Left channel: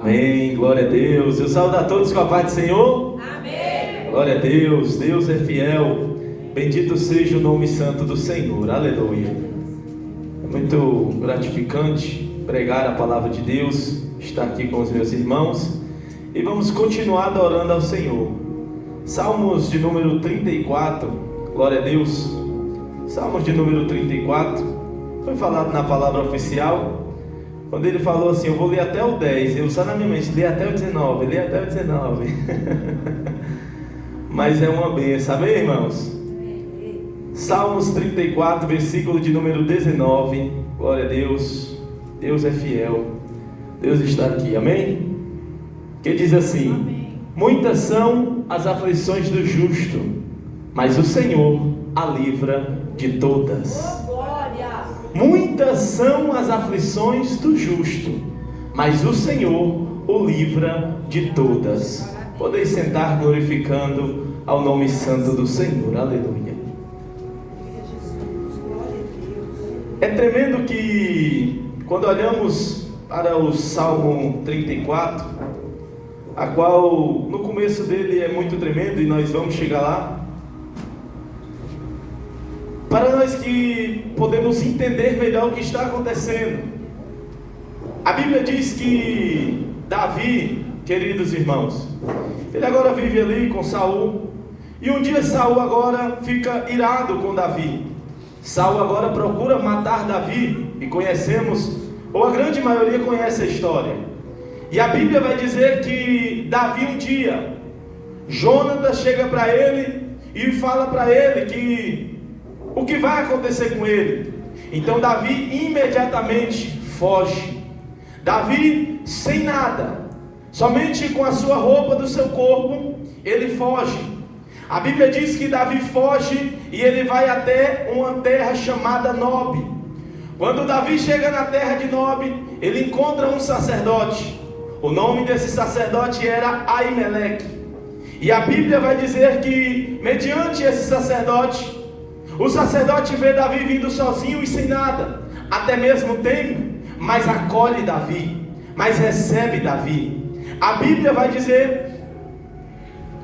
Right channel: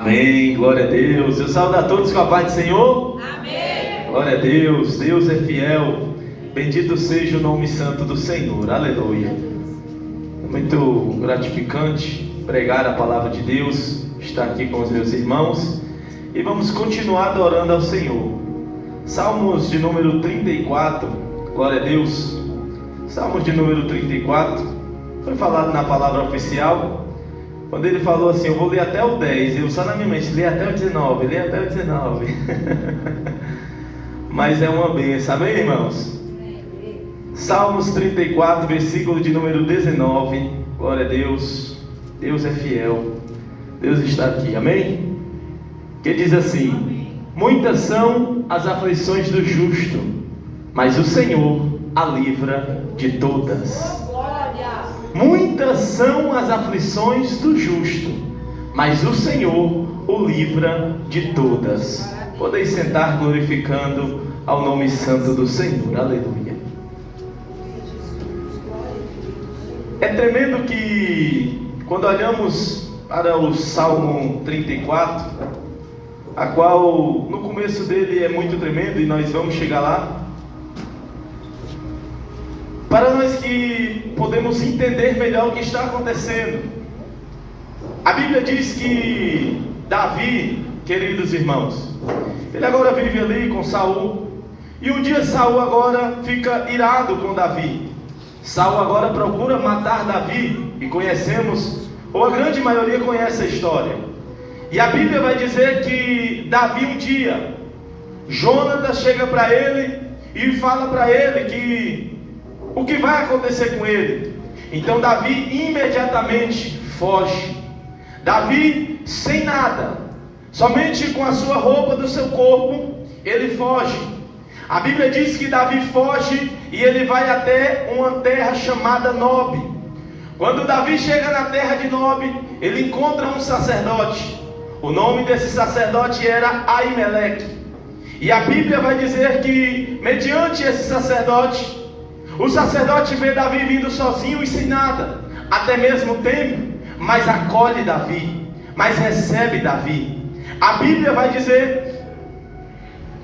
Amém, glória a Deus. Eu saúdo a todos com a paz do Senhor. Amém. Glória a Deus, Deus é fiel. Bendito seja o nome santo do Senhor. Aleluia. É muito gratificante pregar a palavra de Deus, estar aqui com os meus irmãos. E vamos continuar adorando ao Senhor. Salmos de número 34, glória a Deus. Salmos de número 34, foi falado na palavra oficial. Quando ele falou assim, eu vou ler até o 10, eu só na minha mente, lê até o 19, lê até o 19. Mas é uma bênção, amém, irmãos? Salmos 34, versículo de número 19, glória a Deus, Deus é fiel, Deus está aqui, amém? Que diz assim, amém. Muitas são as aflições do justo, mas o Senhor a livra de todas. Muitas são as aflições do justo, mas o Senhor o livra de todas. Podeis sentar glorificando ao nome santo do Senhor. Aleluia. É tremendo que quando olhamos para o Salmo 34, a qual no começo dele é muito tremendo e nós vamos chegar lá. Para nós que podemos entender melhor o que está acontecendo. A Bíblia diz que Davi, queridos irmãos, ele agora vive ali com Saul. E um dia Saul agora fica irado com Davi. Saul agora procura matar Davi. E conhecemos, ou a grande maioria conhece a história. E a Bíblia vai dizer que Davi um dia, Jonatas chega para ele e fala para ele que o que vai acontecer com ele. Então Davi imediatamente foge. Davi sem nada, somente com a sua roupa do seu corpo, ele foge. A Bíblia diz que Davi foge e ele vai até uma terra chamada Nob. Quando Davi chega na terra de Nob, ele encontra um sacerdote. O nome desse sacerdote era Aimeleque. E a Bíblia vai dizer que mediante esse sacerdote, o sacerdote vê Davi vindo sozinho e sem nada, até mesmo teme, mas acolhe Davi, mas recebe Davi. A Bíblia vai dizer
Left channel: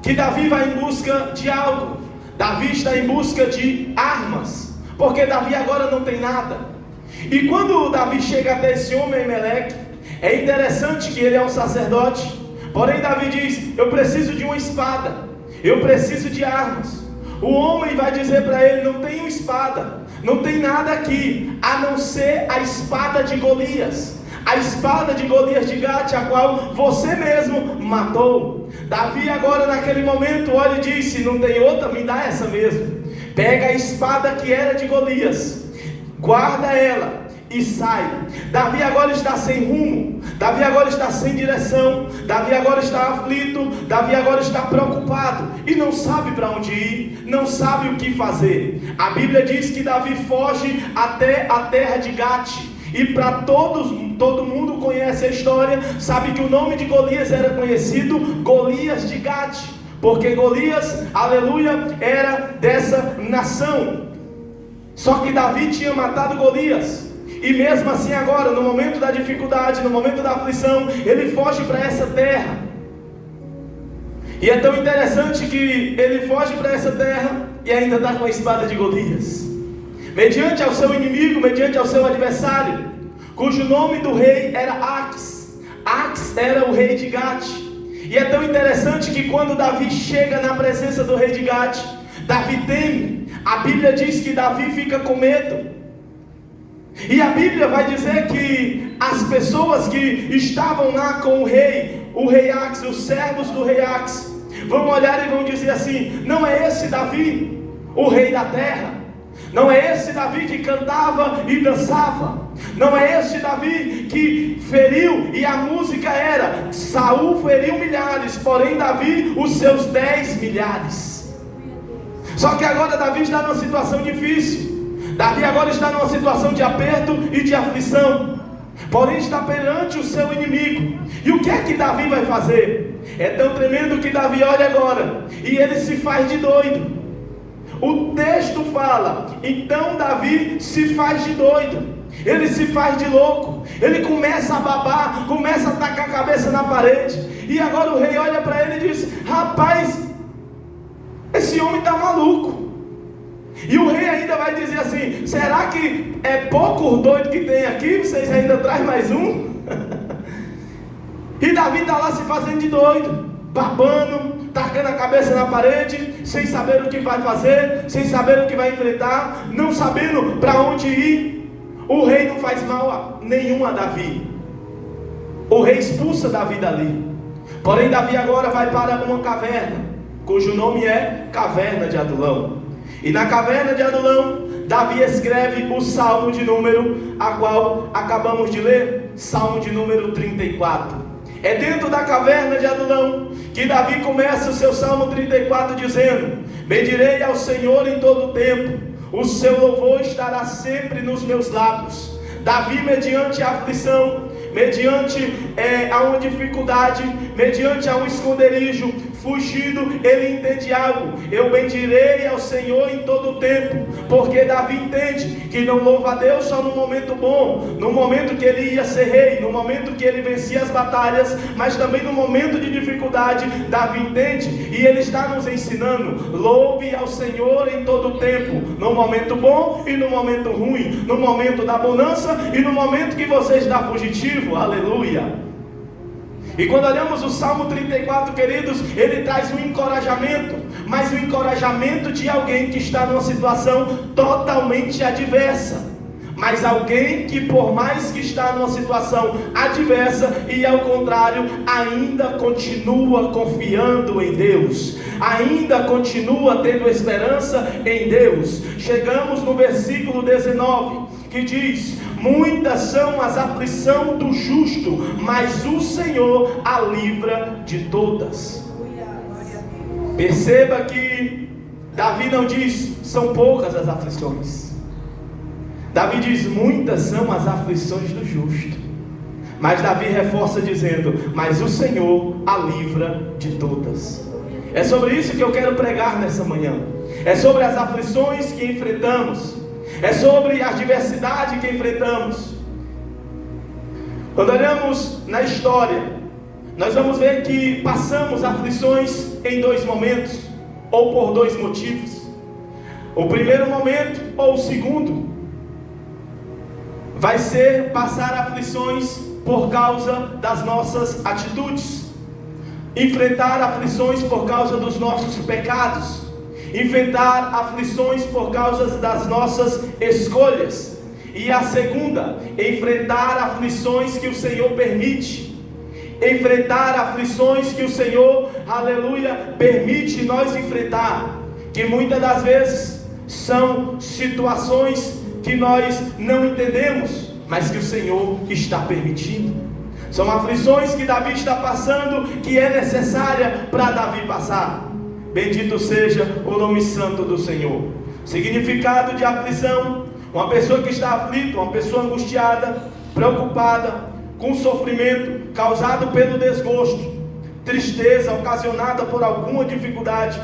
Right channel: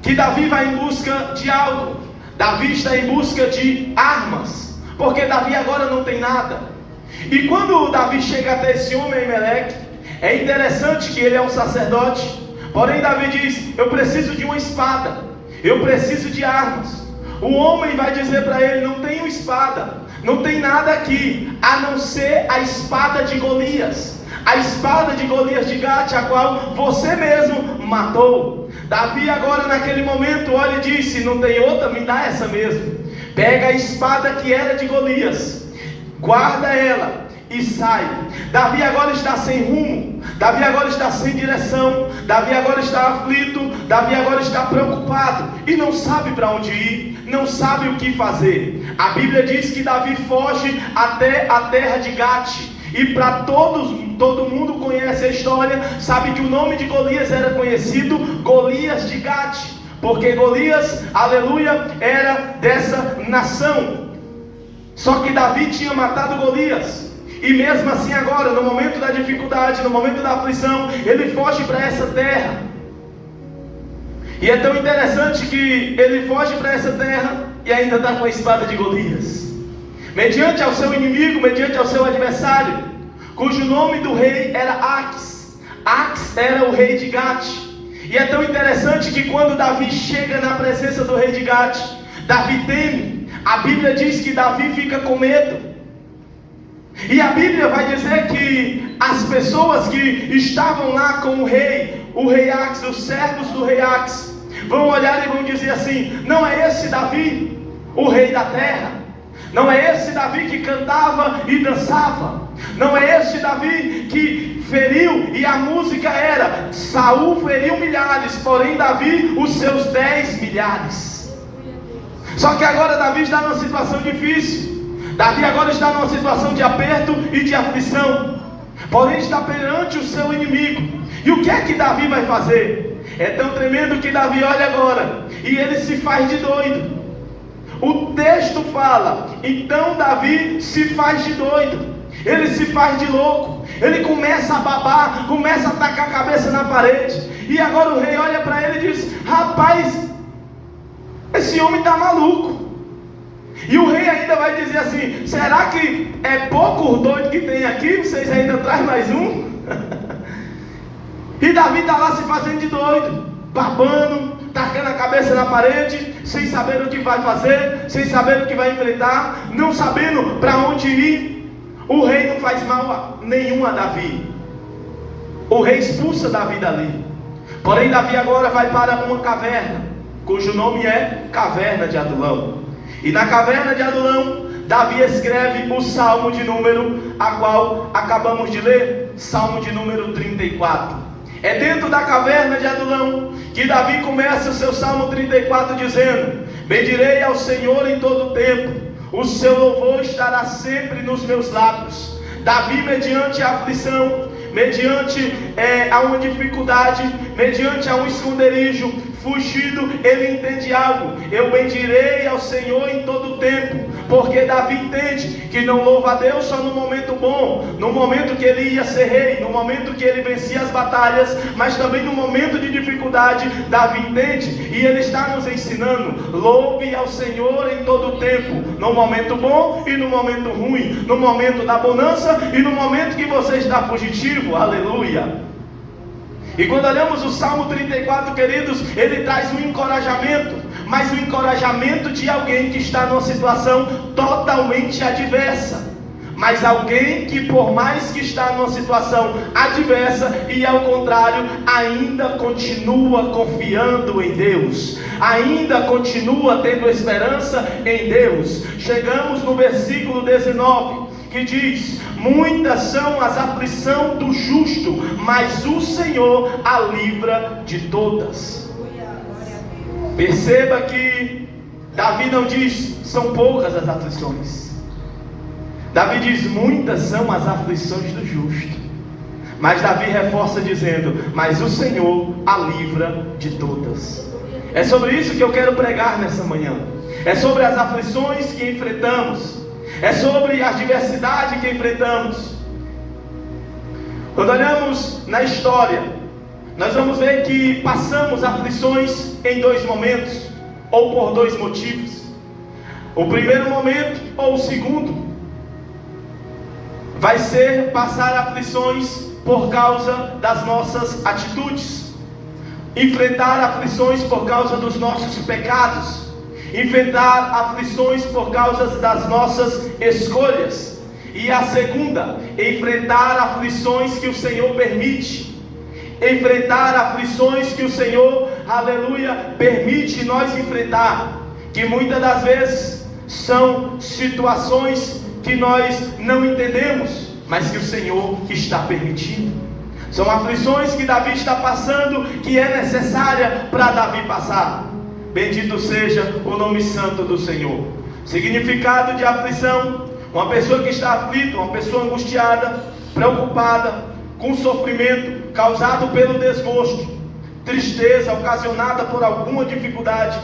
que Davi vai em busca de algo. Davi está em busca de armas, porque Davi agora não tem nada. E quando Davi chega até esse homem Aimeleque, é interessante que ele é um sacerdote, porém Davi diz, eu preciso de uma espada, eu preciso de armas. O homem vai dizer para ele, não tenho espada, não tem nada aqui, a não ser a espada de Golias, a espada de Golias de Gate, a qual você mesmo matou. Davi agora naquele momento olha e disse, não tem outra, me dá essa mesmo. Pega a espada que era de Golias, guarda ela e sai. Davi agora está sem rumo, Davi agora está sem direção, Davi agora está aflito, Davi agora está preocupado e não sabe para onde ir, não sabe o que fazer. A Bíblia diz que Davi foge até a terra de Gate. E para todo mundo conhece a história, sabe que o nome de Golias era conhecido Golias de Gate, porque Golias, aleluia, era dessa nação. Só que Davi tinha matado Golias. E mesmo assim agora, no momento da dificuldade, no momento da aflição, ele foge para essa terra. E é tão interessante que ele foge para essa terra e ainda está com a espada de Golias. Mediante ao seu inimigo, mediante ao seu adversário, cujo nome do rei era Aques. Aques era o rei de Gate. E é tão interessante que quando Davi chega na presença do rei de Gate, Davi teme. A Bíblia diz que Davi fica com medo. E a Bíblia vai dizer que as pessoas que estavam lá com o rei Aques, os servos do rei Aques, vão olhar e vão dizer assim, não é esse Davi, o rei da terra? Não é esse Davi que cantava e dançava? Não é esse Davi que feriu e a música era, Saul feriu milhares, porém Davi os seus 10 milhares. Só que agora Davi está numa situação difícil. Davi agora está numa situação de aperto e de aflição, porém está perante o seu inimigo. E o que é que Davi vai fazer? É tão tremendo que Davi olha agora e ele se faz de doido. O texto fala, então Davi se faz de doido. ele se faz de louco, ele começa a babar, começa a tacar a cabeça na parede. E agora o rei olha para ele e diz: rapaz, esse homem está maluco. E o rei ainda vai dizer assim: será que é pouco o doido que tem aqui? Vocês ainda trazem mais um? E Davi está lá se fazendo de doido, babando, tacando a cabeça na parede, sem saber o que vai fazer, sem saber o que vai enfrentar, não sabendo para onde ir. O rei não faz mal nenhum a Davi. O rei expulsa Davi dali. Porém Davi agora vai para uma caverna, cujo nome é Caverna de Adulão. E na Caverna de Adulão, Davi escreve o Salmo de número, a qual acabamos de ler, Salmo de número 34. É dentro da Caverna de Adulão que Davi começa o seu Salmo 34 dizendo: bendirei ao Senhor em todo o tempo, o seu louvor estará sempre nos meus lábios. Davi, mediante a aflição, mediante a uma dificuldade, mediante a um esconderijo, fugido, ele entende algo: eu bendirei ao Senhor em todo o tempo. Porque Davi entende que não louva a Deus só no momento bom, no momento que ele ia ser rei, no momento que ele vencia as batalhas, mas também no momento de dificuldade. Davi entende, e ele está nos ensinando: louve ao Senhor em todo o tempo, no momento bom e no momento ruim, no momento da bonança e no momento que você está fugitivo. Aleluia. E quando olhamos o Salmo 34, queridos, ele traz um encorajamento, mas um encorajamento de alguém que está numa situação totalmente adversa. Mas alguém que, por mais que está numa situação adversa, e ao contrário, ainda continua confiando em Deus, ainda continua tendo esperança em Deus. Chegamos no versículo 19, que diz: muitas são as aflições do justo, mas o Senhor a livra de todas. Perceba que Davi não diz são poucas as aflições. Davi diz muitas são as aflições do justo. Mas Davi reforça dizendo: mas o Senhor a livra de todas. É sobre isso que eu quero pregar nessa manhã. É sobre as aflições que enfrentamos. É sobre a adversidade que enfrentamos. Quando olhamos na história, nós vamos ver que passamos aflições em dois momentos, ou por dois motivos. O primeiro momento, ou o segundo, vai ser passar aflições por causa das nossas atitudes, enfrentar aflições por causa dos nossos pecados, enfrentar aflições por causa das nossas escolhas. E a segunda, enfrentar aflições que o Senhor permite, enfrentar aflições que o Senhor, aleluia, permite nós enfrentar, que muitas das vezes são situações que nós não entendemos, mas que o Senhor está permitindo. São aflições que Davi está passando, que é necessária para Davi passar. Bendito seja o nome santo do Senhor. Significado de aflição: uma pessoa que está aflita, uma pessoa angustiada, preocupada, com sofrimento causado pelo desgosto, tristeza ocasionada por alguma dificuldade,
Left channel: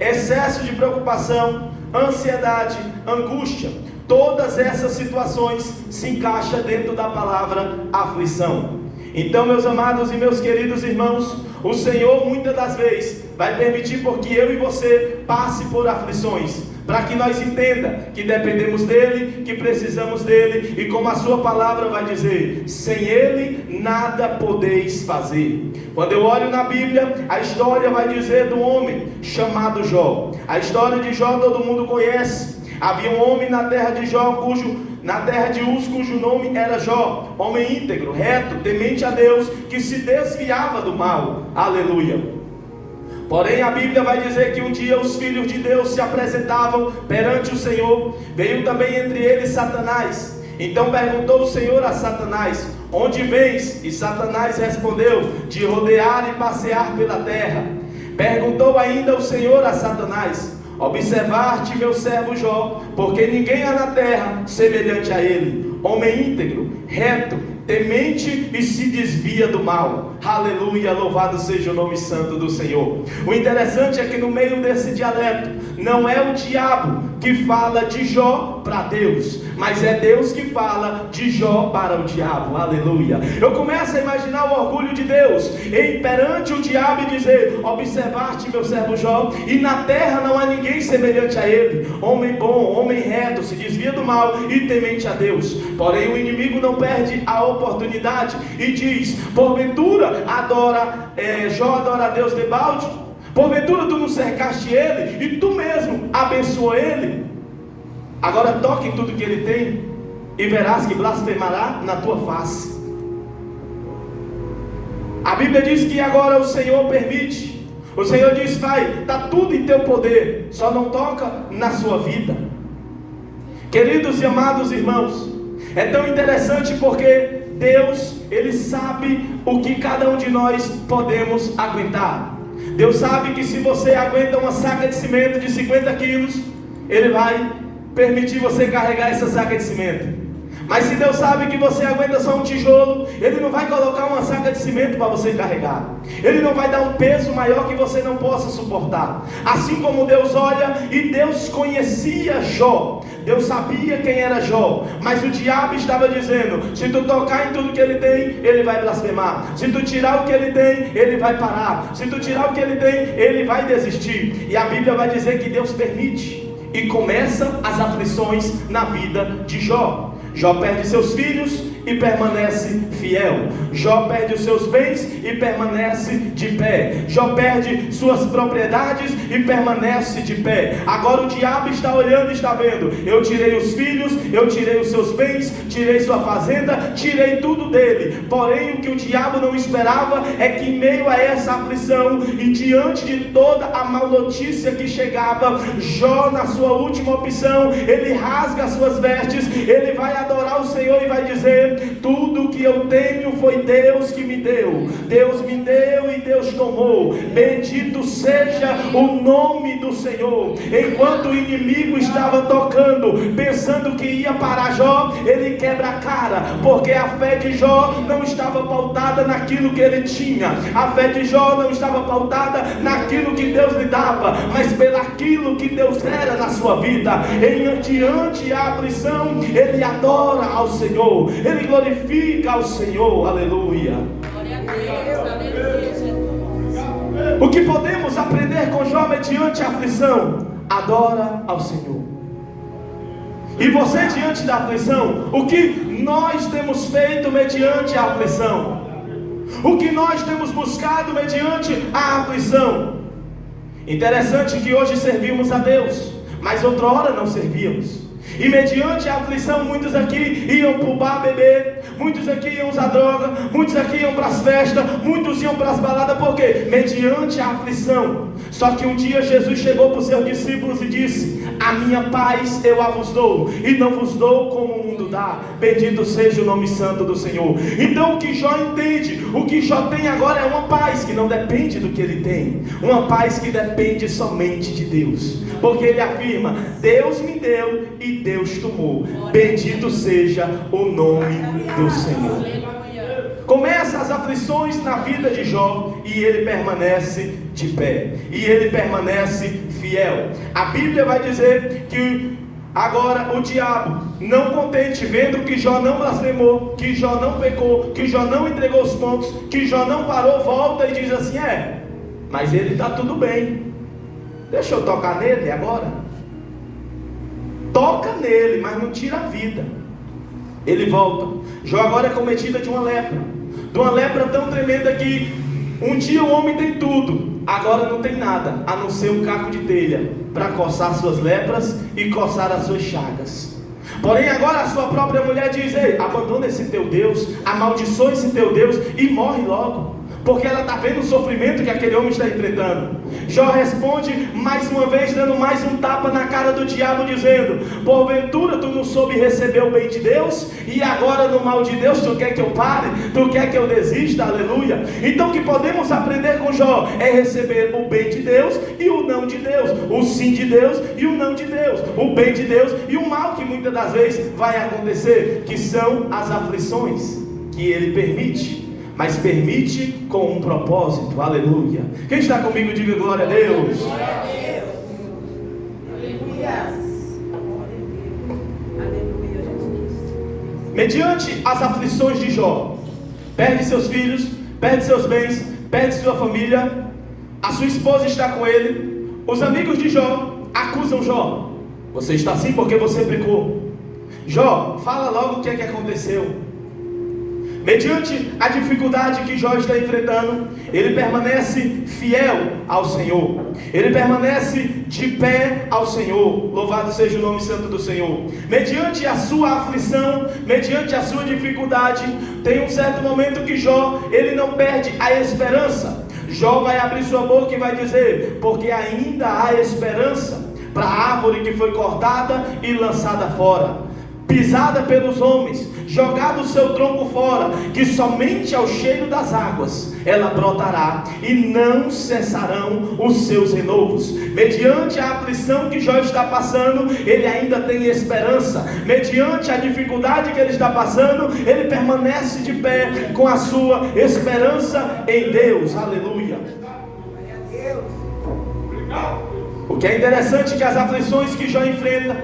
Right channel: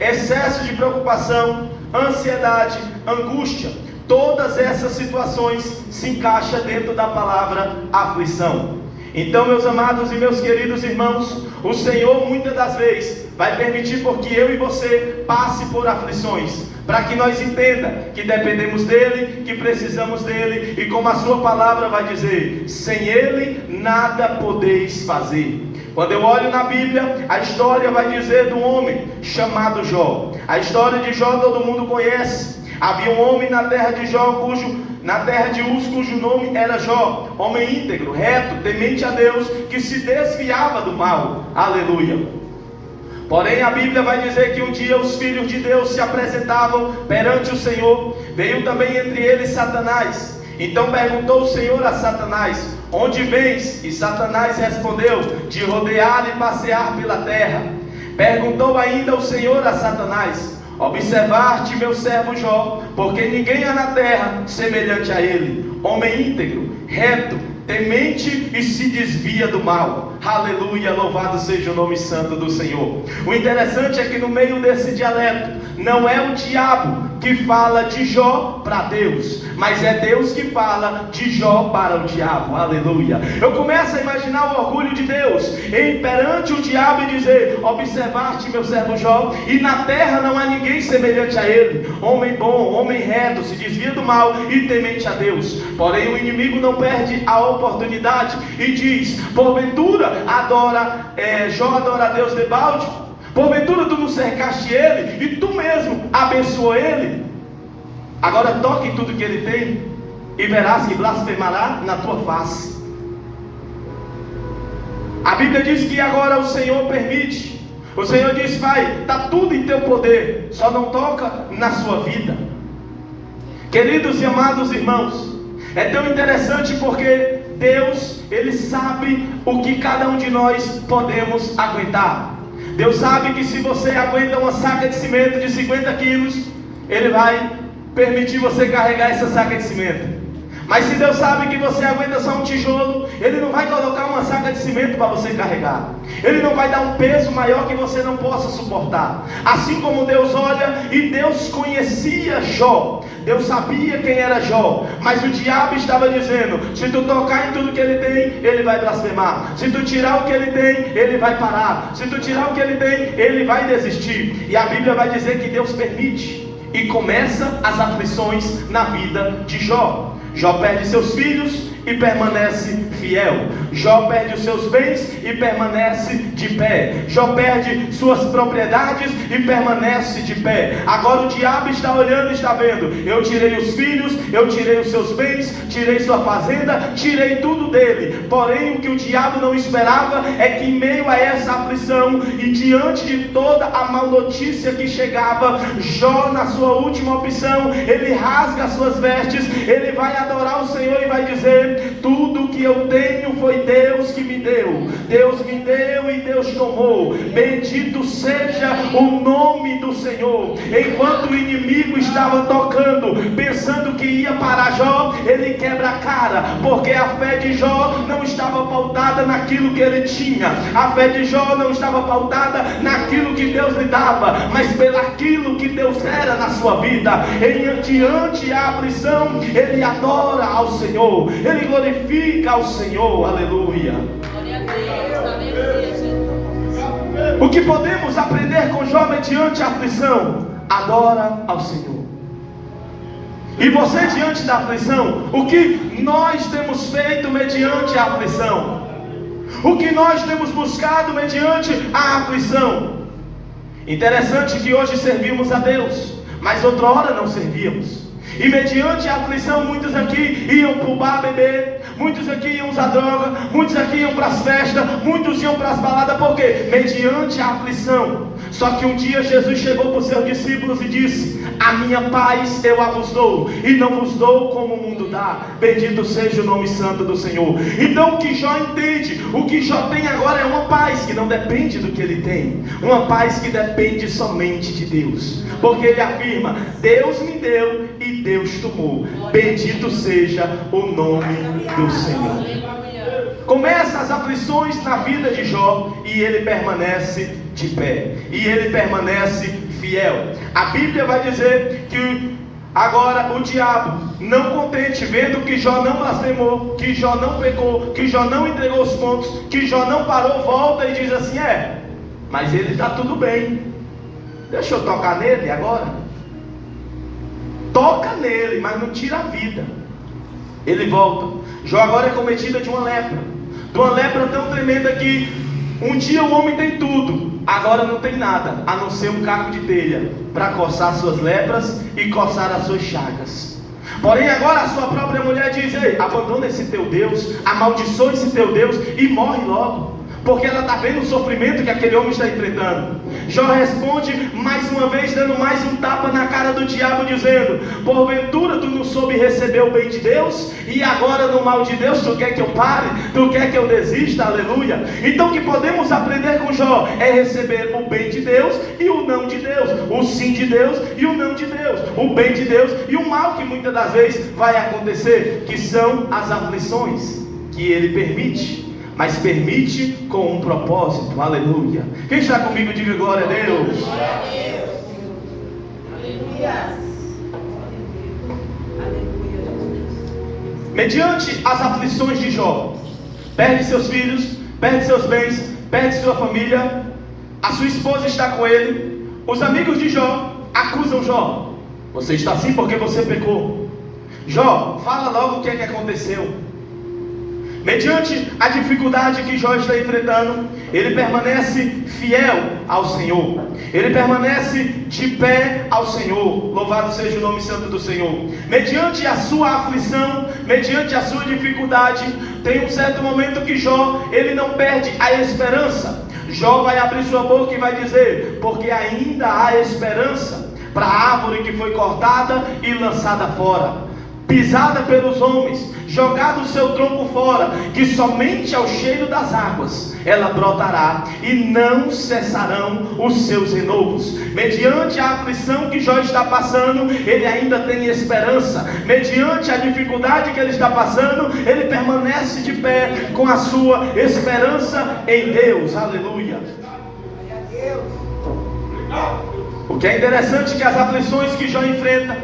excesso de preocupação, ansiedade, angústia. Todas essas situações se encaixam dentro da palavra aflição. Então, meus amados e meus queridos irmãos, o Senhor muitas das vezes vai permitir porque eu e você passe por aflições, para que nós entenda que dependemos dele, que precisamos dele, e como a sua palavra vai dizer, sem ele nada podeis fazer. Quando eu olho na Bíblia, a história vai dizer do homem chamado Jó. A história de Jó todo mundo conhece. Havia um homem na terra de Jó, na terra de Uz, cujo nome era Jó, homem íntegro, reto, temente a Deus, que se desviava do mal. Aleluia. Porém a Bíblia vai dizer que um dia os filhos de Deus se apresentavam perante o Senhor. Veio também entre eles Satanás. Então perguntou o Senhor a Satanás: onde vens? E Satanás respondeu: de rodear e passear pela terra. Perguntou ainda o Senhor a Satanás: observar-te meu servo Jó, porque ninguém há na terra semelhante a ele, homem íntegro, reto, temente e se desvia do mal. Aleluia, louvado seja o nome santo do Senhor. O interessante é que no meio desse dialeto, não é o diabo que fala de Jó para Deus, mas é Deus que fala de Jó para o diabo. Aleluia. Eu começo a imaginar o orgulho de Deus em perante o diabo e dizer: observaste meu servo Jó, e na terra não há ninguém semelhante a ele, homem bom, homem reto, se desvia do mal e temente a Deus. Porém o inimigo não perde a oportunidade e diz: porventura Jó adora a Deus debalde? Porventura tu não cercaste ele e tu mesmo abençoou ele? Agora toque em tudo que ele tem e verás que blasfemará na tua face. A Bíblia diz que agora o Senhor permite. O Senhor diz: Pai, está tudo em teu poder, só não toca na sua vida. Queridos e amados irmãos, é tão interessante porque Deus, Ele sabe o que cada um de nós podemos aguentar. Deus sabe que se você aguenta uma saca de cimento de 50 quilos, Ele vai permitir você carregar essa saca de cimento. Mas se Deus sabe que você aguenta só um tijolo, Ele não vai colocar uma saca de cimento para você carregar. Ele não vai dar um peso maior que você não possa suportar. Assim como Deus olha, e Deus conhecia Jó, Deus sabia quem era Jó, mas o diabo estava dizendo: se tu tocar em tudo que ele tem, ele vai blasfemar. Se tu tirar o que ele tem, ele vai parar. Se tu tirar o que ele tem, ele vai desistir. E a Bíblia vai dizer que Deus permite, e começa as aflições na vida de Jó. Jó perde seus filhos e permanece fiel. Jó perde os seus bens e permanece de pé. Jó perde suas propriedades e permanece de pé. Agora o diabo está olhando e está vendo: eu tirei os filhos, eu tirei os seus bens, tirei sua fazenda, tirei tudo dele. Porém o que o diabo não esperava é que em meio a essa aflição e diante de toda a mal notícia que chegava, Jó, na sua última opção, ele rasga as suas vestes, ele vai adorar o Senhor e vai dizer: tudo que eu tenho foi Deus que me deu. Deus me deu e Deus tomou. Bendito seja o nome do Senhor. Enquanto o inimigo estava tocando, pensando que ia parar Jó, ele quebra a cara, porque a fé de Jó não estava pautada naquilo que ele tinha. A fé de Jó não estava pautada naquilo que Deus lhe dava, mas pelaquilo que Deus era na sua vida. Diante a aflição, ele adora ao Senhor, ele glorifica ao Senhor. Aleluia. O que podemos aprender com Jó mediante a aflição? Adora ao Senhor. E você, diante da aflição, o que nós temos feito mediante a aflição? O que nós temos buscado mediante a aflição? Interessante que hoje servimos a Deus, mas outra hora não servíamos. E mediante a aflição, muitos aqui iam para o bar beber, muitos aqui iam usar droga, muitos aqui iam para as festas, muitos iam para as baladas. Por quê? Mediante a aflição. Só que um dia Jesus chegou para os seus discípulos e disse: a minha paz eu a vos dou, e não vos dou como o mundo dá. Bendito seja o nome santo do Senhor. Então o que Jó entende, o que Jó tem agora é uma paz que não depende do que ele tem, uma paz que depende somente de Deus, porque ele afirma: Deus me deu e Deus tomou. Bendito seja o nome do Senhor. Começa as aflições na vida de Jó e ele permanece de pé, e ele permanece fiel. A Bíblia vai dizer que agora o diabo, não contente, vendo que Jó não blasfemou, que Jó não pecou, que Jó não entregou os pontos, que Jó não parou, volta e diz assim: mas ele está tudo bem, deixa eu tocar nele agora. Toca nele, mas não tira a vida. Ele volta. Jó agora é cometida de uma lepra tão tremenda que um dia o homem tem tudo, agora não tem nada, a não ser um caco de telha para coçar suas lepras e coçar as suas chagas. Porém agora a sua própria mulher diz: ei, abandona esse teu Deus, amaldiçoa esse teu Deus e morre logo, porque ela está vendo o sofrimento que aquele homem está enfrentando. Jó responde mais uma vez, dando mais um tapa na cara do diabo, dizendo: porventura tu não soube receber o bem de Deus, e agora no mal de Deus tu quer que eu pare, tu quer que eu desista? Aleluia. Então o que podemos aprender com Jó é receber o bem de Deus e o não de Deus, o sim de Deus e o não de Deus, o bem de Deus e o mal que muitas das vezes vai acontecer, que são as aflições que Ele permite, mas permite com um propósito. Aleluia. Quem está comigo, diga glória a Deus. Glória a Deus. Aleluia. mediante as aflições de Jó, perde seus filhos, perde seus bens, perde sua família, a sua esposa está com ele, os amigos de Jó acusam Jó: você está assim porque você pecou. Jó, fala logo o que é que aconteceu. Mediante a dificuldade que Jó está enfrentando, ele permanece fiel ao Senhor, ele permanece de pé ao Senhor. Louvado seja o nome santo do Senhor. Mediante a sua aflição, mediante a sua dificuldade, tem um certo momento que Jó, ele não perde a esperança. Jó vai abrir sua boca e vai dizer: porque ainda há esperança para a árvore que foi cortada e lançada fora, pisada pelos homens, jogado o seu tronco fora, que somente ao cheiro das águas ela brotará, e não cessarão os seus renovos. Mediante a aflição que Jó está passando, ele ainda tem esperança. Mediante a dificuldade que ele está passando, ele permanece de pé com a sua esperança em Deus. Aleluia. O que é interessante é que as aflições que Jó enfrenta,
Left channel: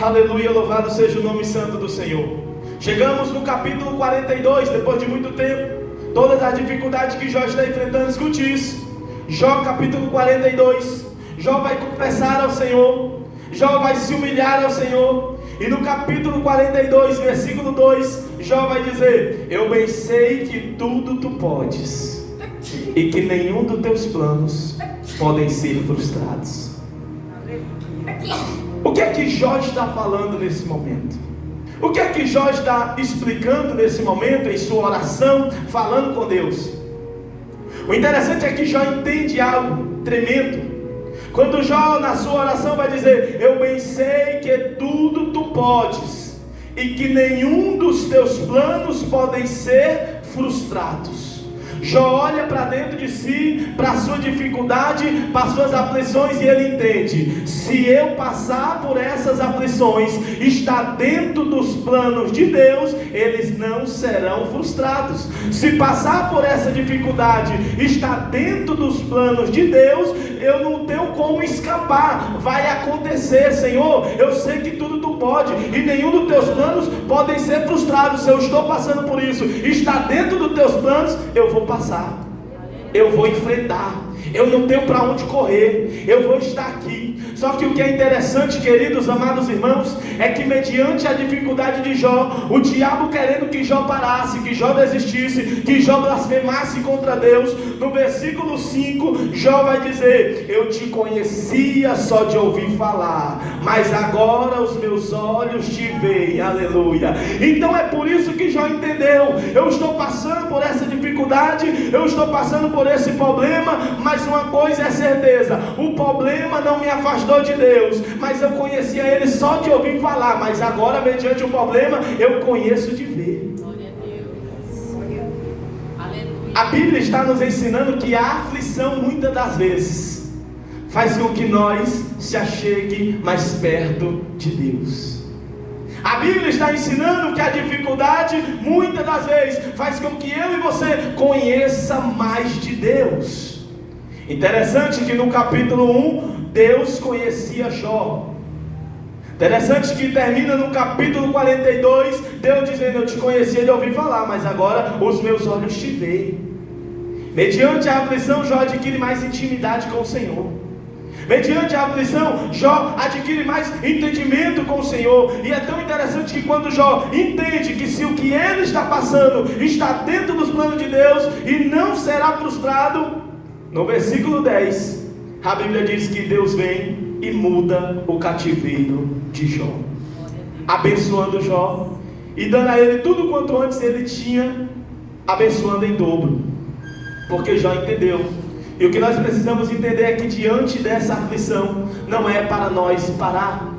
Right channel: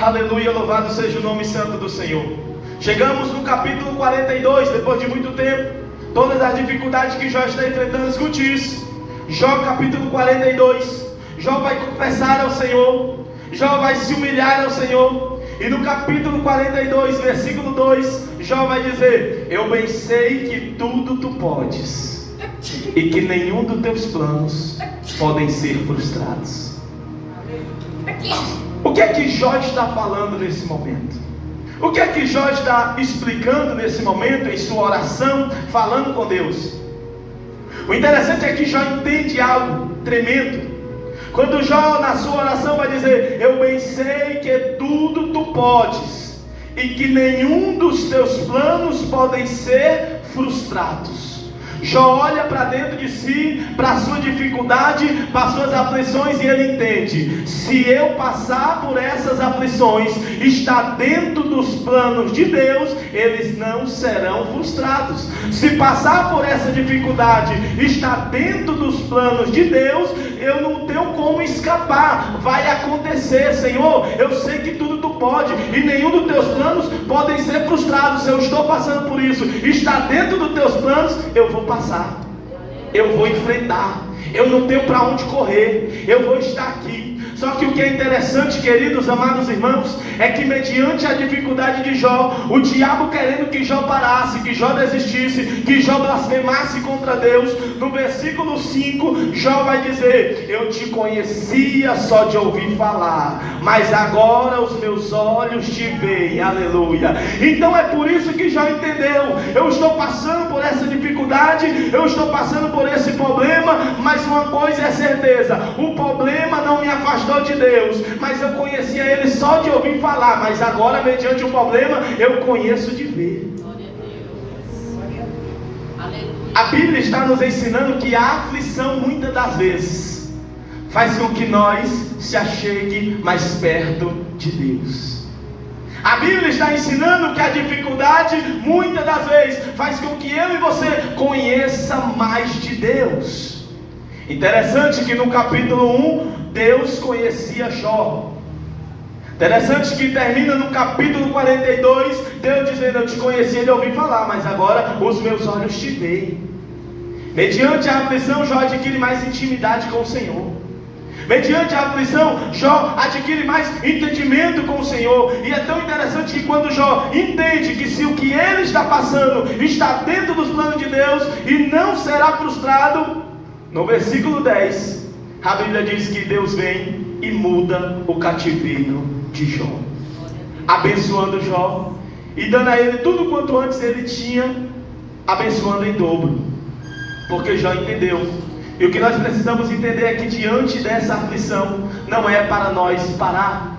aleluia, louvado seja o nome santo do Senhor. Chegamos no capítulo 42, depois de muito tempo, todas as dificuldades que Jó está enfrentando. Escute isso. Jó capítulo 42, Jó vai confessar ao Senhor, Jó vai se humilhar ao Senhor, e no capítulo 42, versículo 2, Jó vai dizer: eu bem sei que tudo tu podes, e que nenhum dos teus planos podem ser frustrados. O que é que Jó está falando nesse momento? O que é que Jó está explicando nesse momento, em sua oração, falando com Deus? O interessante é que Jó entende algo tremendo. Quando Jó, na sua oração, vai dizer: eu bem sei que tudo tu podes, e que nenhum dos teus planos podem ser frustrados. Jó olha para dentro de si, para a sua dificuldade, para as suas aflições, e ele entende: se eu passar por essas aflições, está dentro dos planos de Deus, eles não serão frustrados. Se passar por essa dificuldade, está dentro dos planos de Deus, eu não tenho como escapar, vai acontecer. Senhor, eu sei que tudo tu pode, e nenhum dos teus planos podem ser frustrados. Se eu estou passando por isso, está dentro dos teus planos, eu vou passar, eu vou enfrentar, eu não tenho para onde correr, eu vou estar aqui. Só que o que é interessante, queridos, amados irmãos, é que mediante a dificuldade de Jó, o diabo querendo que Jó parasse, que Jó desistisse, que Jó blasfemasse contra Deus, no versículo 5, Jó vai dizer: eu te conhecia só de ouvir falar, mas agora os meus olhos te veem. Aleluia. Então é por isso que Jó entendeu: eu estou passando por essa dificuldade, eu estou passando por esse problema, mas uma coisa é certeza: o problema não me afastou de Deus, mas eu conhecia Ele só de ouvir falar, mas agora, mediante o problema, eu conheço de ver. A Bíblia está nos ensinando que a aflição, muitas das vezes, faz com que nós se achegue mais perto de Deus. A Bíblia está ensinando que a dificuldade, muitas das vezes, faz com que eu e você conheça mais de Deus. Interessante que no capítulo 1, Deus conhecia Jó. Interessante que termina no capítulo 42, Deus dizendo: eu te conhecia de ouvir falar, mas agora os meus olhos te veem. Mediante a aflição, Jó adquire mais intimidade com o Senhor. Mediante a aflição, Jó adquire mais entendimento com o Senhor. E é tão interessante que quando Jó entende que se o que ele está passando está dentro dos planos de Deus e não será frustrado, no versículo 10, a Bíblia diz que Deus vem e muda o cativeiro de Jó, abençoando Jó e dando a ele tudo quanto antes ele tinha, abençoando em dobro, porque Jó entendeu. E o que nós precisamos entender é que diante dessa aflição, não é para nós parar,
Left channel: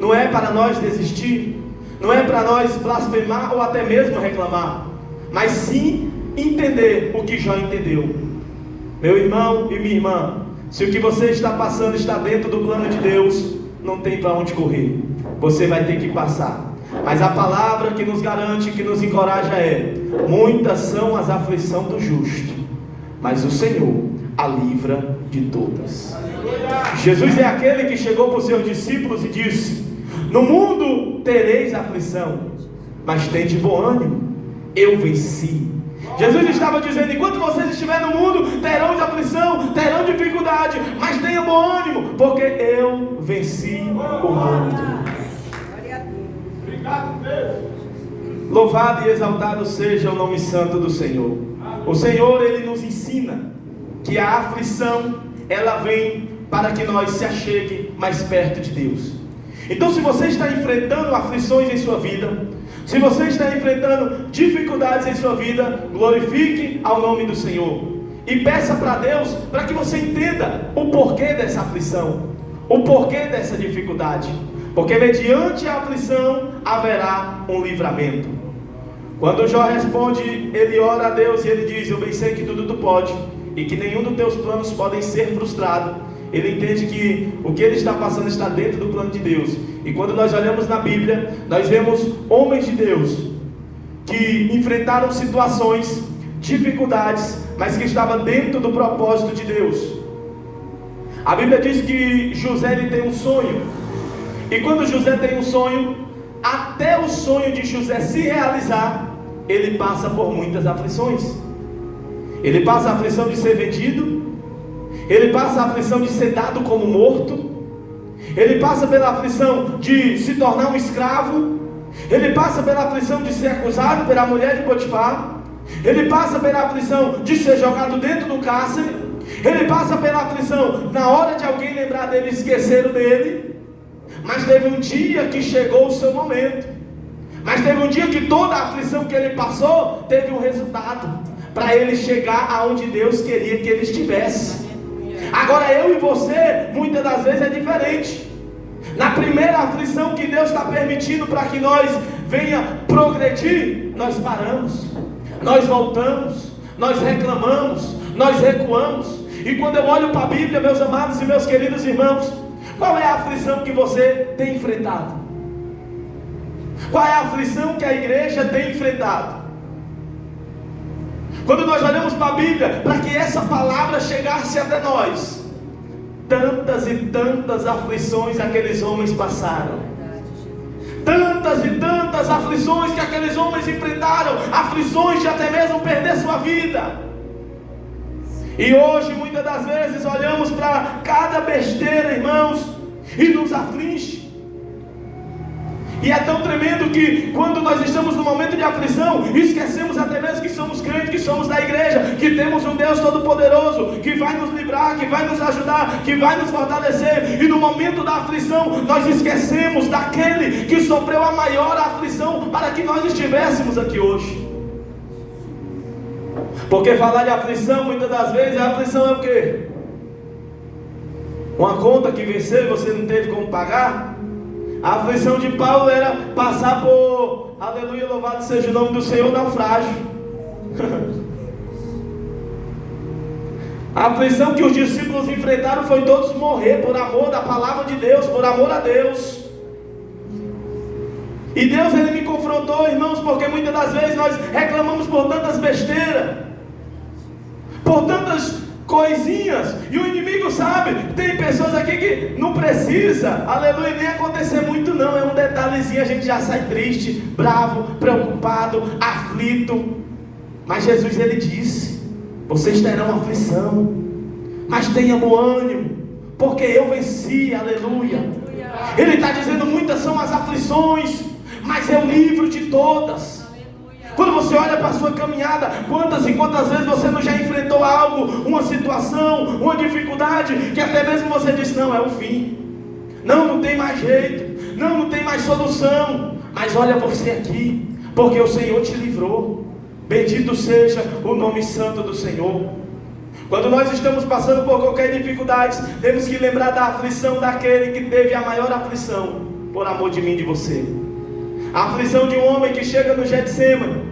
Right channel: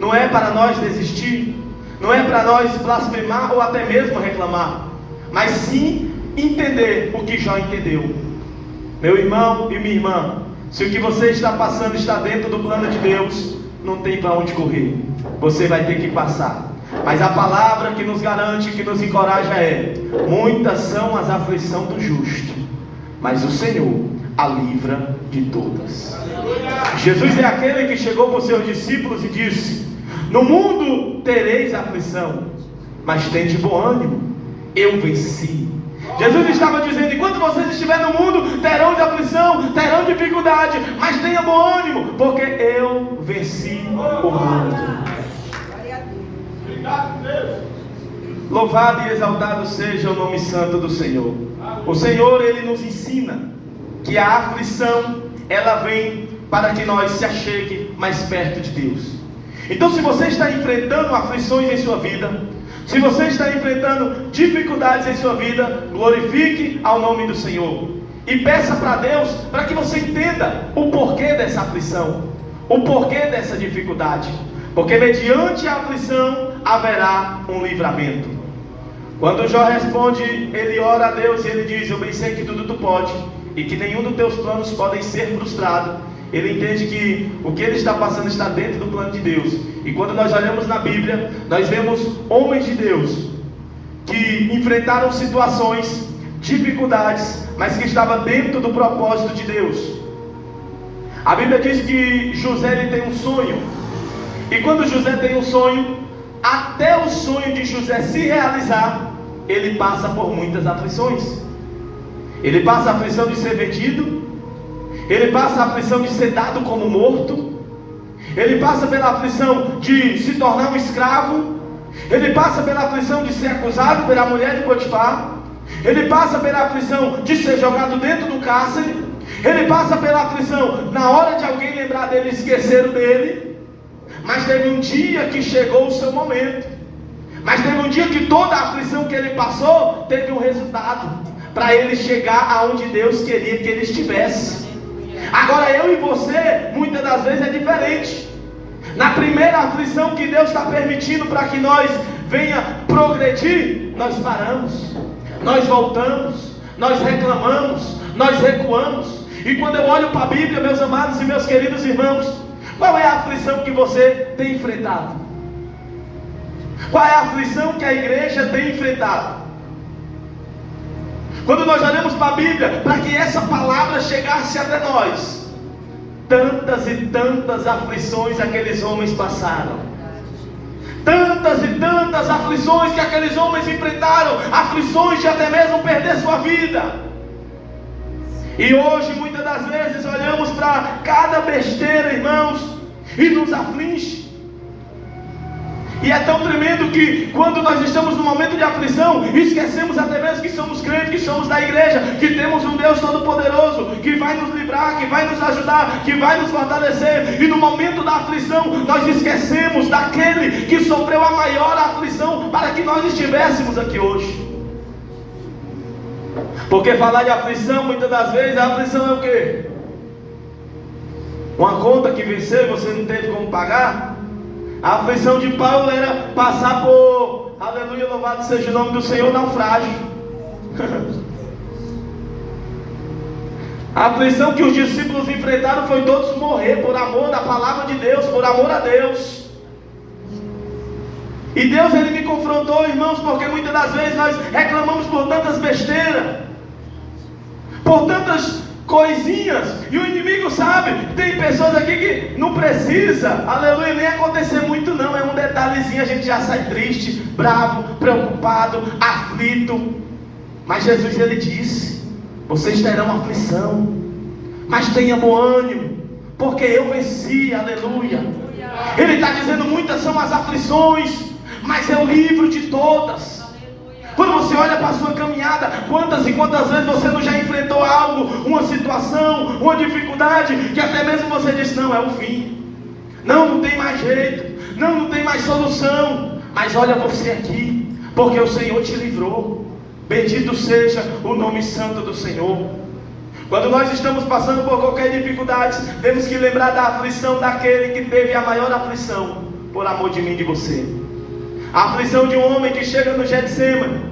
não é para nós desistir, não é para nós blasfemar ou até mesmo reclamar, mas sim entender o que Jó entendeu. Meu irmão e minha irmã, se o que você está passando está dentro do plano de Deus, não tem para onde correr, você vai ter que passar. Mas a palavra que nos garante, que nos encoraja é: muitas são as aflições do justo, mas o Senhor a livra de todas. Jesus é aquele que chegou para os seus discípulos e disse: no mundo tereis aflição, mas tende bom ânimo, eu venci. Jesus estava dizendo: enquanto vocês estiverem no mundo, terão de aflição, terão dificuldade, mas tenha bom ânimo, porque eu venci o mundo. Obrigado, Deus. Louvado e exaltado seja o nome santo do Senhor. O Senhor, Ele nos ensina que a aflição, ela vem para que nós se achegue mais perto de Deus. Então, se você está enfrentando aflições em sua vida, se você está enfrentando dificuldades em sua vida, glorifique ao nome do Senhor e peça para Deus para que você entenda o porquê dessa aflição, o porquê dessa dificuldade, porque mediante a aflição haverá um livramento. Quando Jó responde, ele ora a Deus e ele diz: eu bem sei que tudo tu pode e que nenhum dos teus planos podem ser frustrado. Ele entende que o que ele está passando está dentro do plano de Deus. E quando nós olhamos na Bíblia, nós vemos homens de Deus que enfrentaram situações, dificuldades, mas que estavam dentro do propósito de Deus. A Bíblia diz que José, ele tem um sonho, e quando José tem um sonho, até o sonho de José se realizar, ele passa por muitas aflições. Ele passa a aflição de ser vendido, ele passa a aflição de ser dado como morto, ele passa pela aflição de se tornar um escravo, ele passa pela aflição de ser acusado pela mulher de Potifar, ele passa pela aflição de ser jogado dentro do cárcere, ele passa pela aflição na hora de alguém lembrar dele, esqueceram dele. Mas teve um dia que chegou o seu momento, mas teve um dia que toda a aflição que ele passou teve um resultado, para ele chegar aonde Deus queria que ele estivesse. Agora eu e você, muitas das vezes é diferente. Na primeira aflição que Deus está permitindo para que nós venha progredir, nós paramos, nós voltamos, nós reclamamos, nós recuamos. E quando eu olho para a Bíblia, meus amados e meus queridos irmãos, qual é a aflição que você tem enfrentado? Qual é a aflição que a igreja tem enfrentado? Quando nós olhamos para a Bíblia, para que essa palavra chegasse até nós, tantas e tantas aflições aqueles homens passaram, tantas e tantas aflições que aqueles homens enfrentaram, aflições de até mesmo perder sua vida. E hoje, muitas das vezes, olhamos para cada besteira, irmãos, e nos aflige. E é tão tremendo que quando nós estamos no momento de aflição, esquecemos até mesmo que somos crentes, que somos da igreja, que temos um Deus Todo-Poderoso, que vai nos livrar, que vai nos ajudar, que vai nos fortalecer. E no momento da aflição, nós esquecemos daquele que sofreu a maior aflição para que nós estivéssemos aqui hoje. Porque falar de aflição, muitas das vezes, a aflição é o quê? Uma conta que venceu e você não teve como pagar. A aflição de Paulo era passar por, aleluia, louvado seja o nome do Senhor, naufrágio. A aflição que os discípulos enfrentaram foi todos morrer por amor da palavra de Deus, por amor a Deus. E Deus, Ele me confrontou, irmãos, porque muitas das vezes nós reclamamos por tantas besteiras, por tantas coisinhas, e o inimigo sabe. Tem pessoas aqui que não precisa, aleluia, nem acontecer muito não, é um detalhezinho, a gente já sai triste, bravo, preocupado, aflito. Mas Jesus, Ele disse: vocês terão aflição, mas tenha bom ânimo, porque eu venci, aleluia. Ele está dizendo: muitas são as aflições, mas é o livro de todas. Quando você olha para a sua caminhada, quantas e quantas vezes você não já enfrentou algo, uma situação, uma dificuldade, que até mesmo você disse: não, é o fim, não tem mais jeito, não tem mais solução. Mas olha você aqui, porque o Senhor te livrou. Bendito seja o nome santo do Senhor. Quando nós estamos passando por qualquer dificuldade, temos que lembrar da aflição daquele que teve a maior aflição por amor de mim e de você. A aflição de um homem que chega no Getsêmani,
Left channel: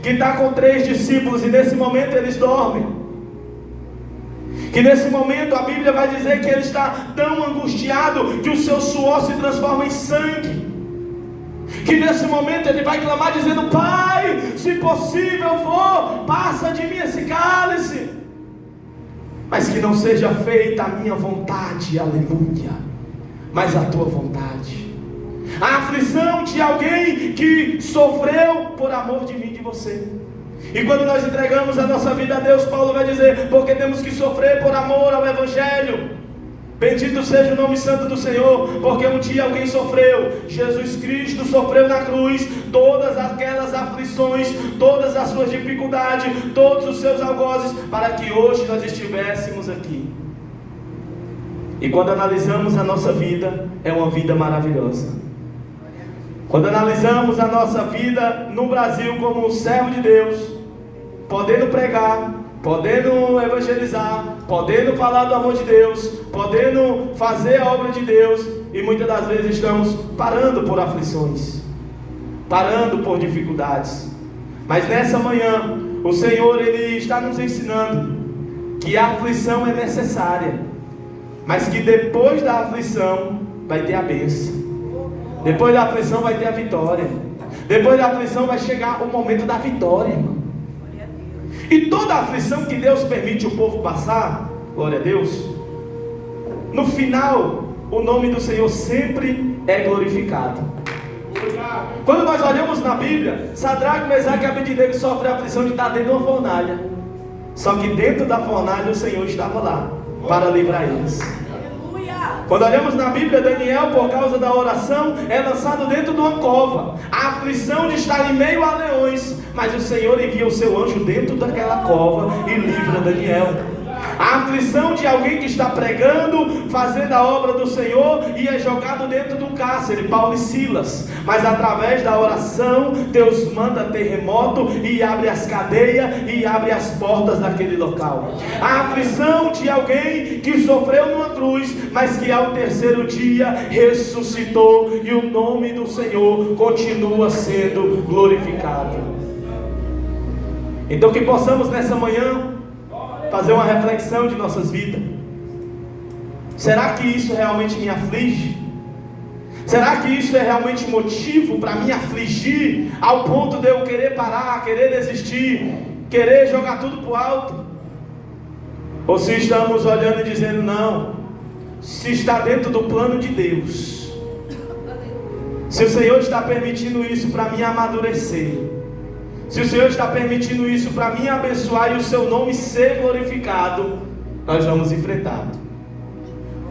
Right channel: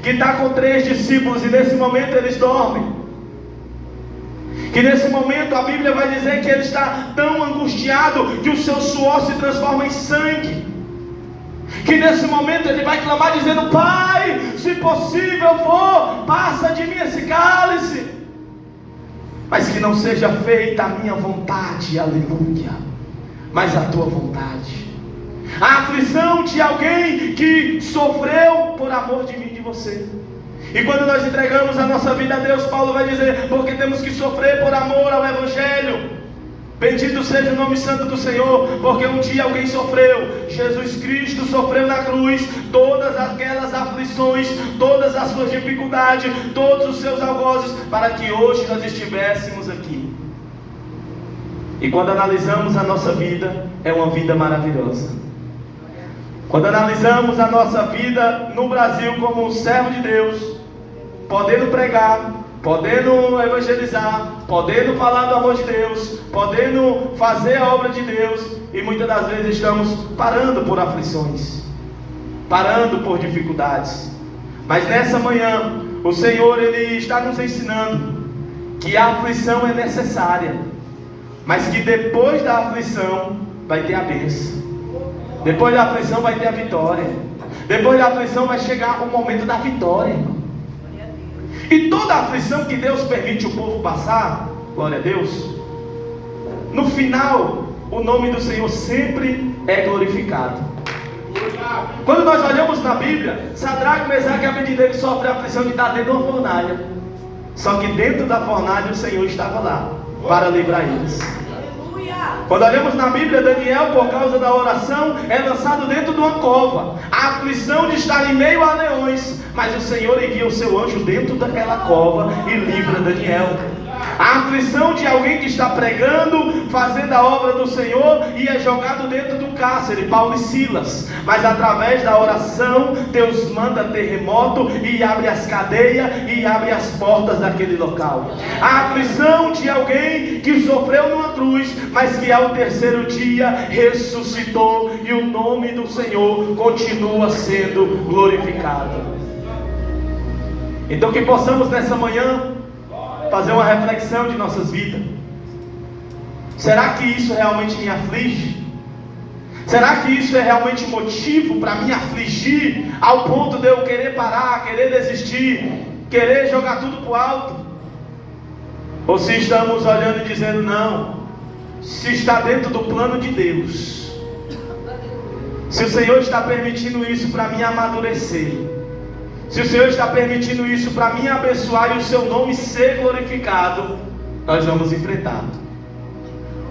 que está com 3 discípulos, e nesse momento eles dormem. Que nesse momento a Bíblia vai dizer que ele está tão angustiado que o seu suor se transforma em sangue. Que nesse momento ele vai clamar dizendo: Pai, se possível for, passa de mim esse cálice, mas que não seja feita a minha vontade, aleluia, mas a tua vontade. A aflição de alguém que sofreu por amor de mim e de você. E quando nós entregamos a nossa vida a Deus, Paulo vai dizer, porque temos que sofrer por amor ao Evangelho. Bendito seja o nome santo do Senhor, porque um dia alguém sofreu, Jesus Cristo sofreu na cruz, todas aquelas aflições, todas as suas dificuldades, todos os seus algozes, para que hoje nós estivéssemos aqui. E quando analisamos a nossa vida, é uma vida maravilhosa. Quando analisamos a nossa vida no Brasil como um servo de Deus, podendo pregar, podendo evangelizar, podendo falar do amor de Deus, podendo fazer a obra de Deus, e muitas das vezes estamos parando por aflições, parando por dificuldades. Mas nessa manhã, o Senhor Ele está nos ensinando que a aflição é necessária, mas que depois da aflição vai ter a bênção, depois da aflição vai ter a vitória, depois da aflição vai chegar o momento da vitória. E toda a aflição que Deus permite o povo passar, glória a Deus, no final, o nome do Senhor sempre é glorificado. Quando nós olhamos na Bíblia, Sadraque, Mesaque e Abednego sofrem a aflição de estar dentro de uma fornalha. Só que dentro da fornalha o Senhor estava lá, para livrar eles. Quando olhamos na Bíblia, Daniel, por causa da oração, é lançado dentro de uma cova. A aflição de estar em meio a leões, mas o Senhor envia o seu anjo dentro daquela cova e livra Daniel. A aflição de alguém que está pregando, fazendo a obra do Senhor e é jogado dentro do cárcere, Paulo e Silas. Mas através da oração, Deus manda terremoto e abre as cadeias e abre as portas daquele local. A aflição de alguém que sofreu numa cruz, mas que ao terceiro dia ressuscitou e o nome do Senhor continua sendo glorificado. Então que possamos nessa manhã fazer uma reflexão de nossas vidas. Será que isso realmente me aflige? Será que isso é realmente motivo para me afligir ao ponto de eu querer parar, querer desistir, querer jogar tudo para o alto? Ou se estamos olhando e dizendo não, se está dentro do plano de Deus, se o Senhor está permitindo isso para me amadurecer, se o Senhor está permitindo isso para me abençoar e o seu nome ser glorificado, nós vamos enfrentar.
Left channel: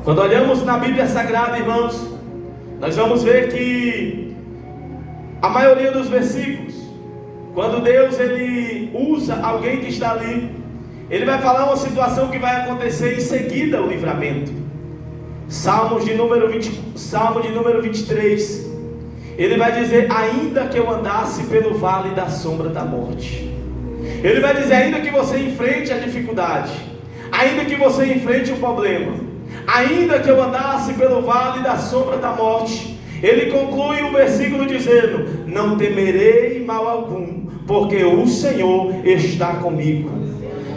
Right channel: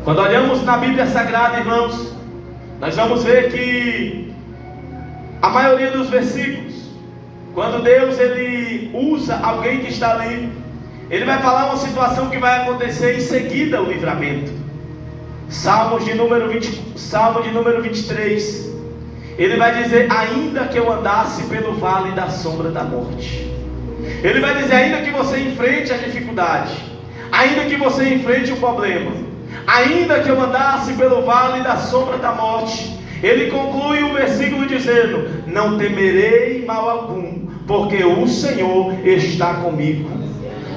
Quando olhamos na Bíblia Sagrada, irmãos, nós vamos ver que a maioria dos versículos, quando Deus ele usa alguém que está ali, ele vai falar uma situação que vai acontecer em seguida o livramento. Salmo de número 23, ele vai dizer, ainda que eu andasse pelo vale da sombra da morte. Ele vai dizer, ainda que você enfrente a dificuldade, ainda que você enfrente o problema, ainda que eu andasse pelo vale da sombra da morte. Ele conclui o versículo dizendo, não temerei mal algum, porque o Senhor está comigo.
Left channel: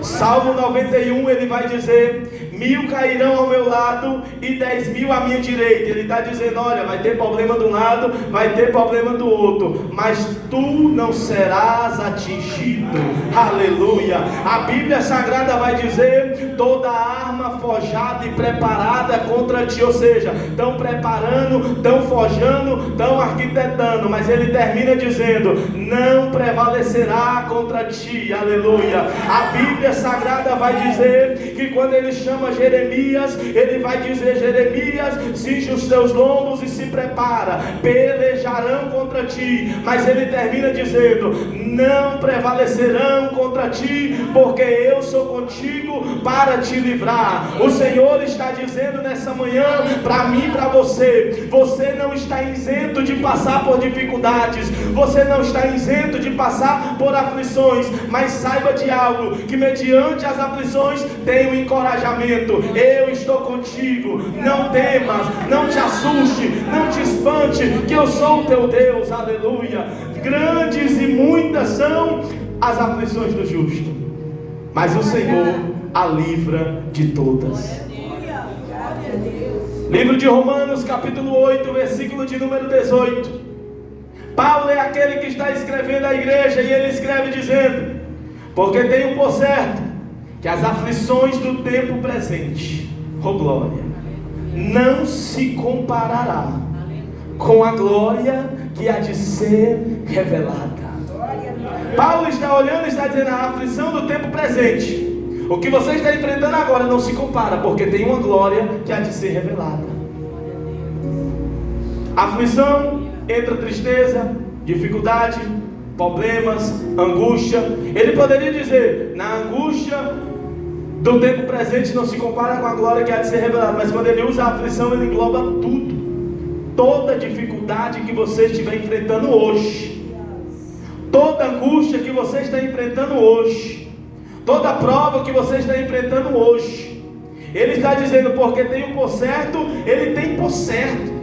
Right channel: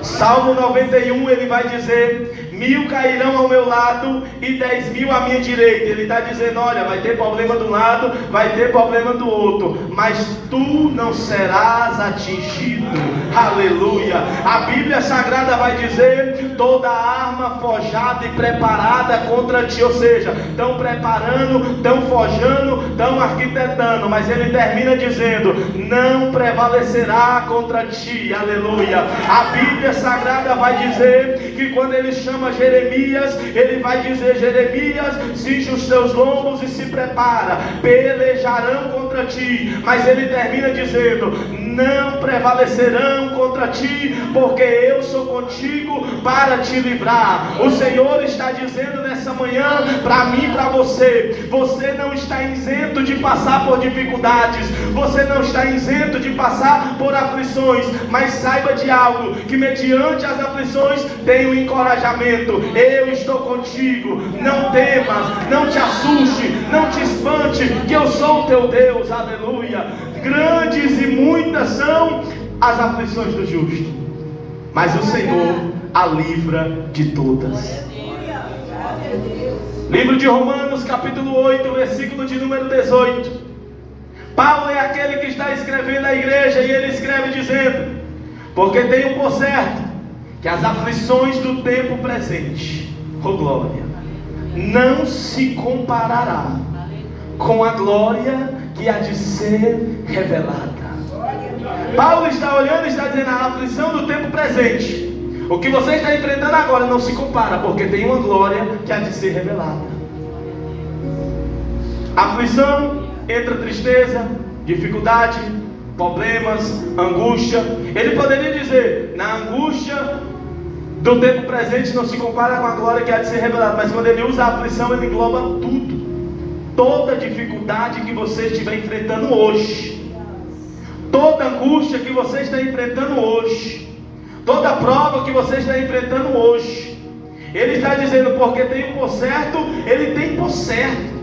Salmo 91, ele vai dizer, 1000 cairão ao meu lado e 10.000 à minha direita. Ele está dizendo, olha, vai ter problema de um lado, vai ter problema do outro, mas tu não serás atingido. Aleluia. A Bíblia Sagrada vai dizer, toda arma forjada e preparada contra ti, ou seja, estão preparando, estão forjando, estão arquitetando, mas ele termina dizendo, não prevalecerá contra ti. Aleluia. A Bíblia Sagrada vai dizer que quando ele chama Jeremias, ele vai dizer, Jeremias, cinge os teus lombos e se prepara, pelejarão contra ti, mas ele termina dizendo, não prevalecerão contra ti, porque eu sou contigo para te livrar. O Senhor está dizendo nessa manhã, para mim e para você, você não está isento de passar por dificuldades, você não está isento de passar por aflições, mas saiba de algo, que mediante as aflições tem um encorajamento. Eu estou contigo, não temas, não te assuste, não te espante, que eu sou o teu Deus. Aleluia. Grandes e muitas são as aflições do justo, mas o Senhor a livra de todas. Livro de Romanos, capítulo 8, versículo de número 18. Paulo é aquele que está escrevendo à igreja, e ele escreve dizendo, porque tenho por certo que as aflições do tempo presente, oh glória, não se comparará com a glória que há de ser revelada. Paulo está olhando e está dizendo: a aflição do tempo presente, o que você está enfrentando agora não se compara, porque tem uma glória que há de ser revelada. Aflição entra tristeza, dificuldade, problemas, angústia. Ele poderia dizer: na angústia do tempo presente não se compara com a glória que há de ser revelada. Mas quando ele usa a aflição, ele engloba tudo. Toda dificuldade que você estiver enfrentando hoje, toda angústia que você está enfrentando hoje, toda prova que você está enfrentando hoje, ele está dizendo: porque tem um por certo, ele tem por certo.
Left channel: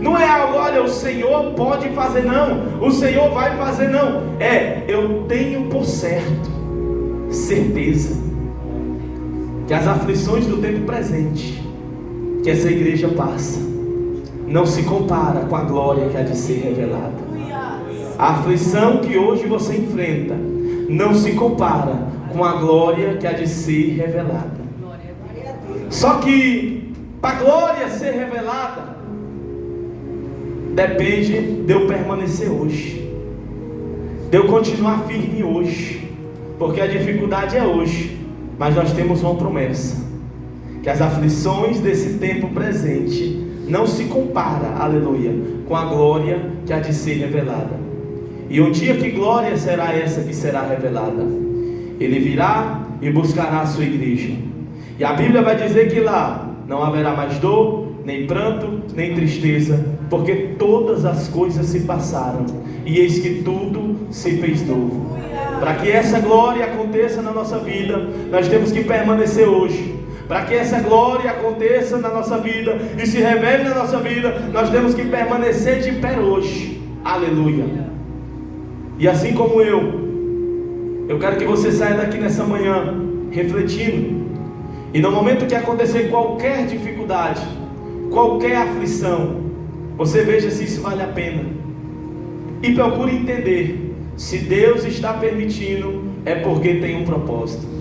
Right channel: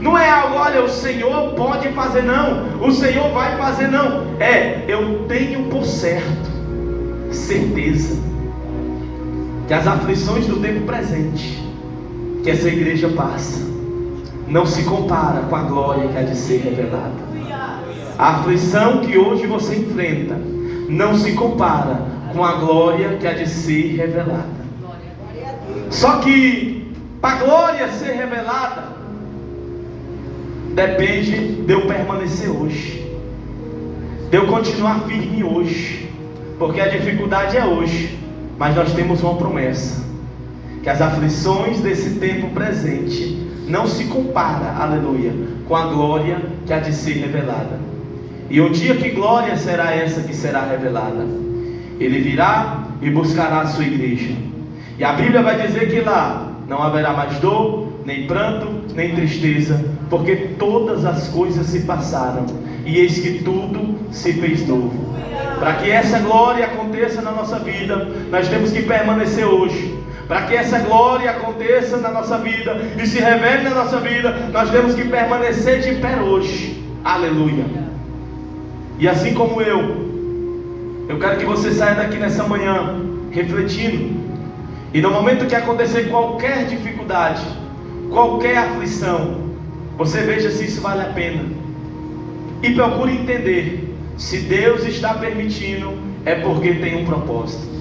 Não é algo, olha, o Senhor pode fazer, não, o Senhor vai fazer, não. Eu tenho por certo, certeza, que as aflições do tempo presente que essa igreja passa não se compara com a glória que há de ser revelada. A aflição que hoje você enfrenta não se compara com a glória que há de ser revelada. Só que para a glória ser revelada, depende de eu permanecer hoje, de eu continuar firme hoje, porque a dificuldade é hoje, mas nós temos uma promessa, que as aflições desse tempo presente não se compara, aleluia, com a glória que há de ser revelada. E um dia, que glória será essa que será revelada? Ele virá e buscará a sua igreja, e a Bíblia vai dizer que lá não haverá mais dor, nem pranto, nem tristeza, porque todas as coisas se passaram, e eis que tudo se fez novo. Para que essa glória aconteça na nossa vida, nós temos que permanecer hoje. Para que essa glória aconteça na nossa vida e se revele na nossa vida, nós temos que permanecer de pé hoje. Aleluia. E assim como eu quero que você saia daqui nessa manhã refletindo, e no momento que acontecer qualquer dificuldade, qualquer aflição, você veja se isso vale a pena, e procure entender: se Deus está permitindo, é porque tem um propósito.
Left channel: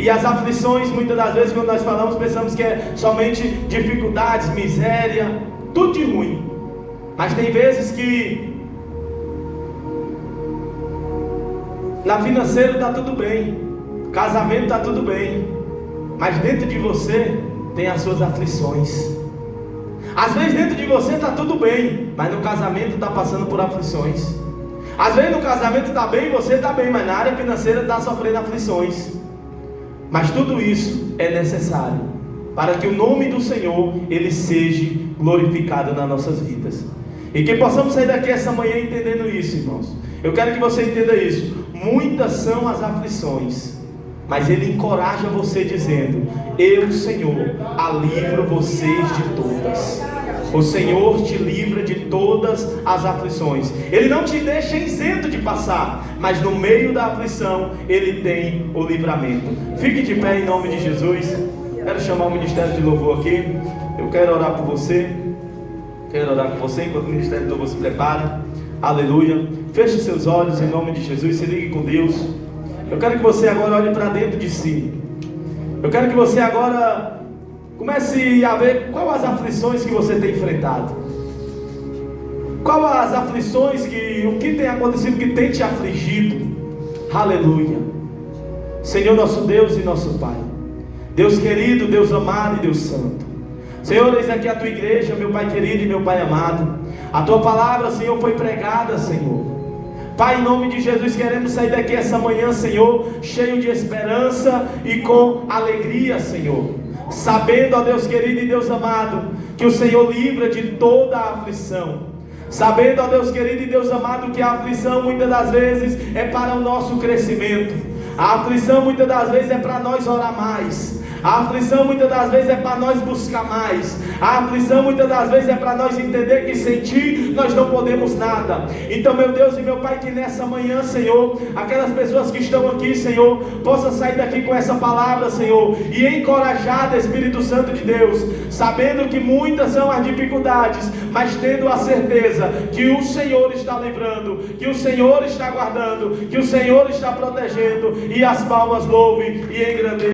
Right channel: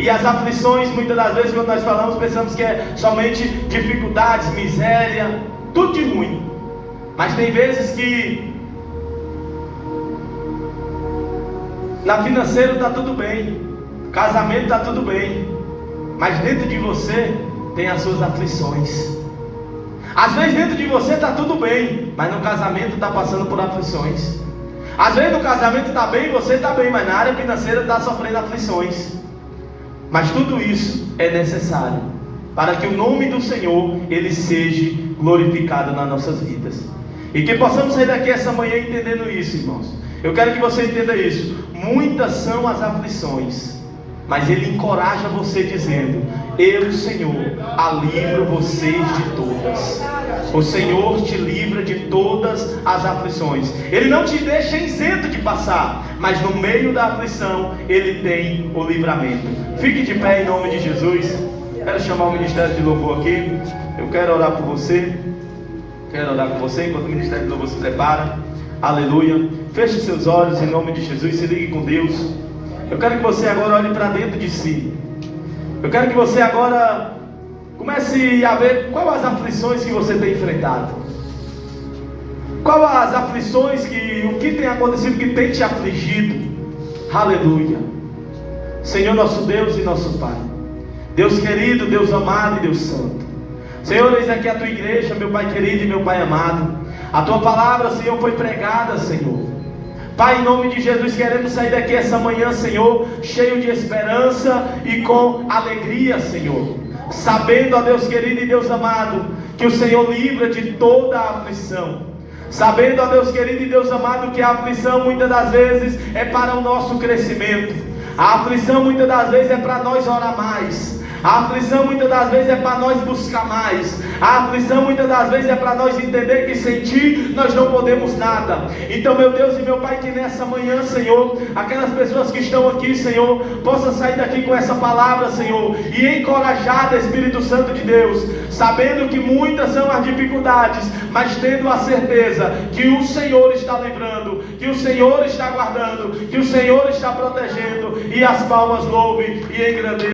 E as aflições, muitas das vezes, quando nós falamos, pensamos que é somente dificuldades, miséria, tudo de ruim. Mas tem vezes que na financeira está tudo bem, casamento está tudo bem, mas dentro de você tem as suas aflições. Às vezes dentro de você está tudo bem, mas no casamento está passando por aflições. Às vezes no casamento está bem, você está bem, mas na área financeira está sofrendo aflições. Mas tudo isso é necessário para que o nome do Senhor, ele seja glorificado nas nossas vidas. E que possamos sair daqui essa manhã entendendo isso, irmãos. Eu quero que você entenda isso. Muitas são as aflições, mas ele encoraja você dizendo: eu, Senhor, livro vocês de todas. O Senhor te livra de todas as aflições. Ele não te deixa isento de passar, mas no meio da aflição Ele tem o livramento. Fique de pé em nome de Jesus. Quero chamar o ministério de louvor aqui. Eu quero orar por você. Quero orar por você enquanto o ministério de louvor se prepara. Aleluia. Feche seus olhos em nome de Jesus. Se ligue com Deus. Eu quero que você agora olhe para dentro de si. Eu quero que você agora comece a ver quais as aflições que você tem enfrentado. Quais as aflições o que tem acontecido que tem te afligido. Aleluia. Senhor nosso Deus e nosso Pai, Deus querido, Deus amado e Deus santo, Senhor, eis aqui a tua igreja, meu Pai querido e meu Pai amado. A tua palavra, Senhor, foi pregada, Senhor. Pai, em nome de Jesus, queremos sair daqui essa manhã, Senhor, cheio de esperança e com alegria, Senhor, sabendo, ó Deus querido e Deus amado, que o Senhor livra de toda a aflição. Sabendo, ó Deus querido e Deus amado, que a aflição muitas das vezes é para o nosso crescimento. A aflição muitas das vezes é para nós orar mais. A aflição muitas das vezes é para nós buscar mais. A aflição muitas das vezes é para nós entender que sem Ti nós não podemos nada. Então, meu Deus e meu Pai, que nessa manhã, Senhor, aquelas pessoas que estão aqui, Senhor, possam sair daqui com essa palavra, Senhor, e encorajada, Espírito Santo de Deus, sabendo que muitas são as dificuldades, mas tendo a certeza que o Senhor está livrando, que o Senhor está guardando, que o Senhor está protegendo, e as palmas louvem e engrandeçam.